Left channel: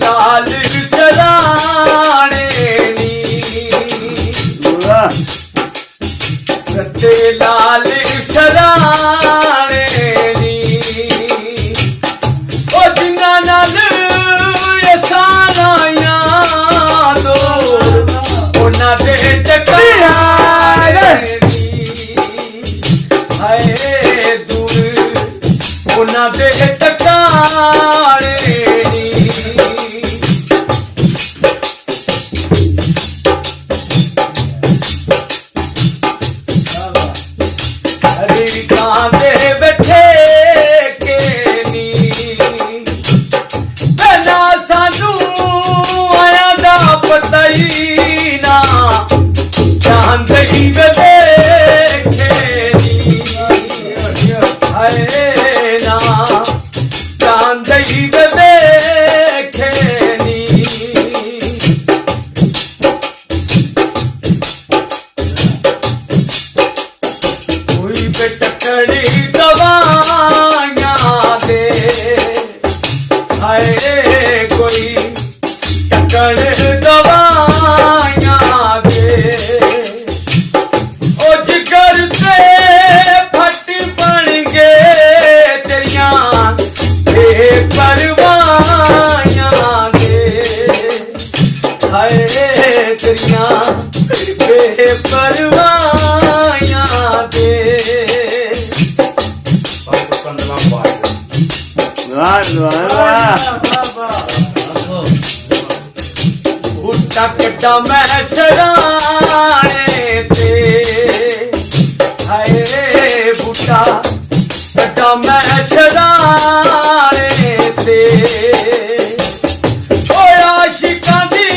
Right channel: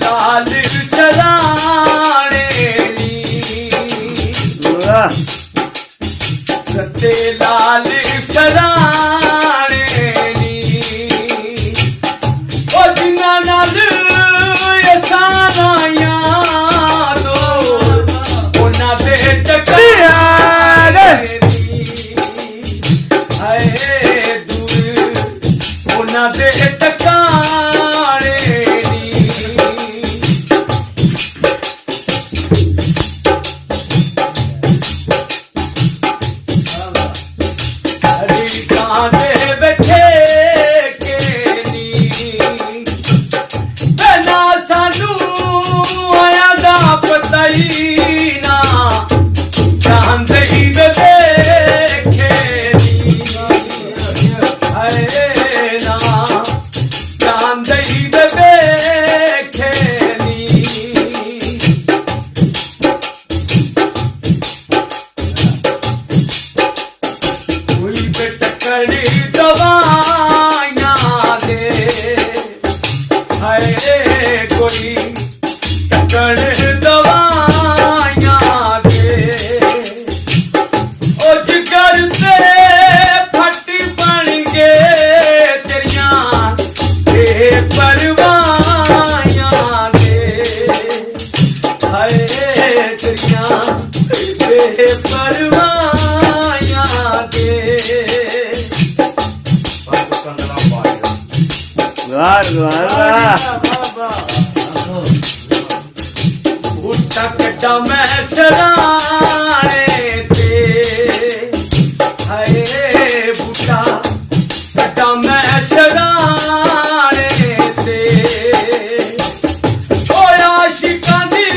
लाल चलाने रते लाल चलाने जिन्ना नाल साराया दो उन्हां दे टकाने हाय दूर उन्हां दे टकाने कटा मैं चढ़ाने ते हाय बूटा कटा मैं चढ़ाने ते होया शिकानी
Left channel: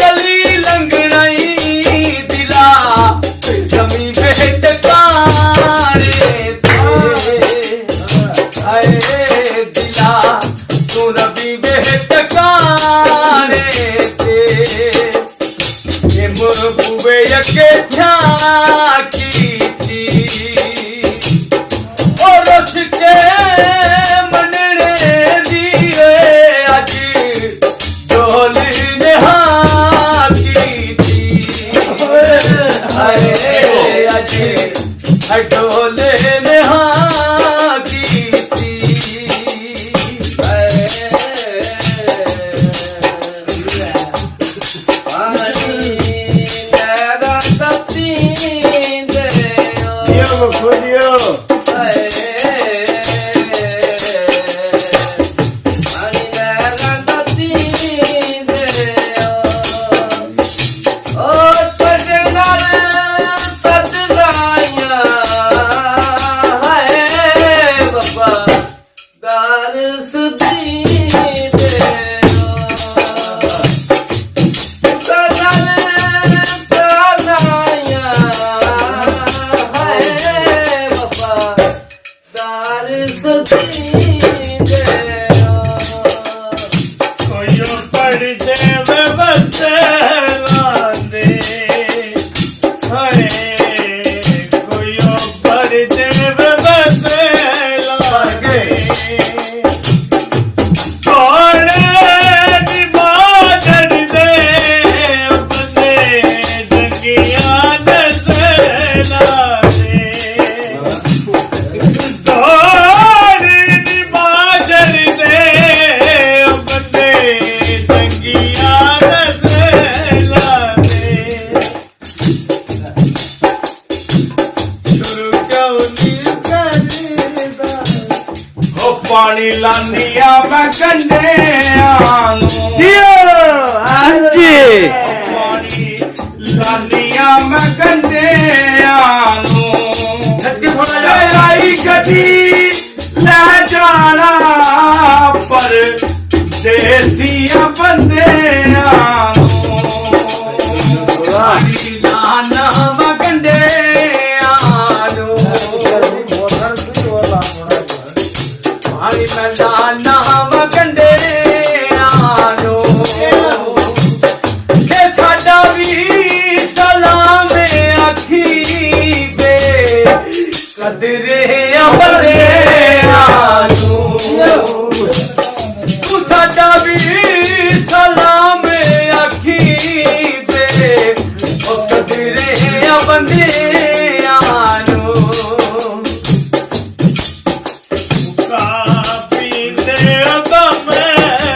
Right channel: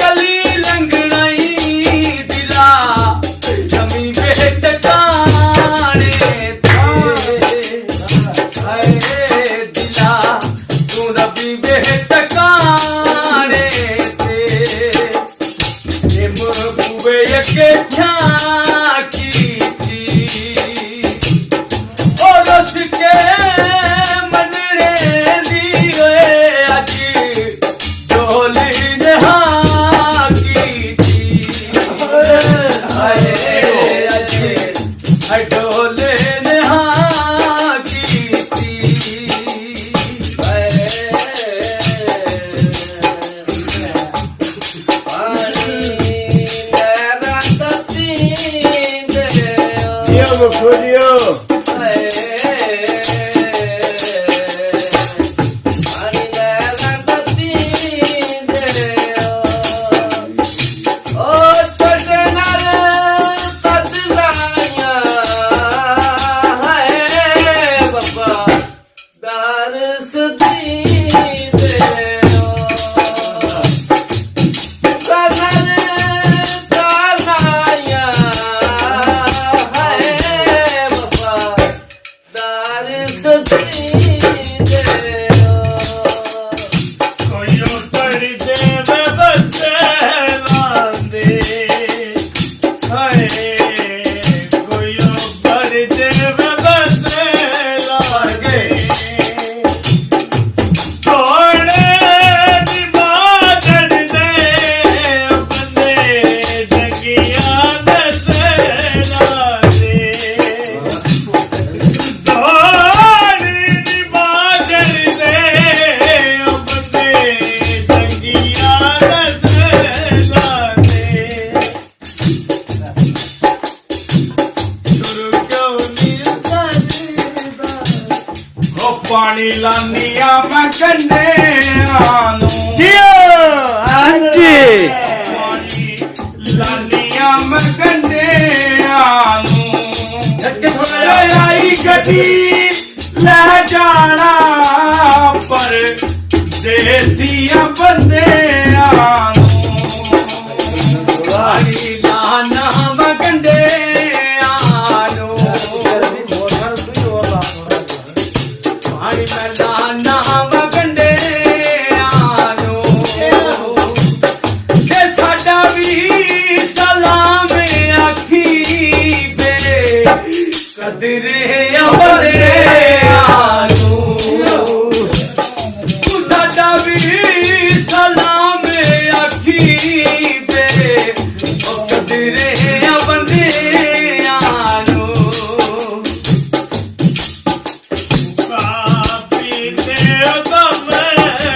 गली लंघनाई दिला जमी बेटकाने ते हाय दिला तू रबी बेटकाने बुवे के की थी और उसके मनने दिए अज डोली नहा की थी अज डोले नहा की थी पानी लानिया मैं कंढियां नूं पानी लानिया मैं कंढियां नूं ਕਦਰੇ ਬੰਦਿਆਂ ਨੂੰ ਤੂੰ ਸਾਡਾ ਵੀ ਸਲਾਮ ਆਖੀ ਤੇ ਉਹ ਕਦਰੇ ਬੰਦਿਆਂ ਨੂੰ ਕਾਪੀ ਤੇ ਦਮ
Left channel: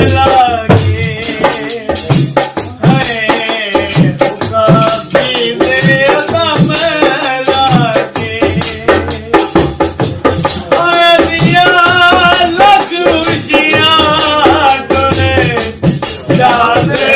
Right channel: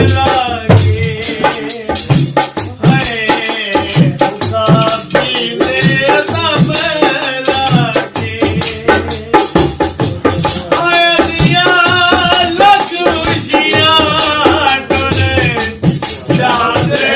ਲਾਗੇ ਹਾਏ ਕਾਪੀ ਤੇ ਦਮ ਲਾਗੇ ਹਾਏ ਦੀਆਂ ਲੱਖ ਖੁਸ਼ੀਆਂ ਟੋਲੇ ਜਾਂਦੇ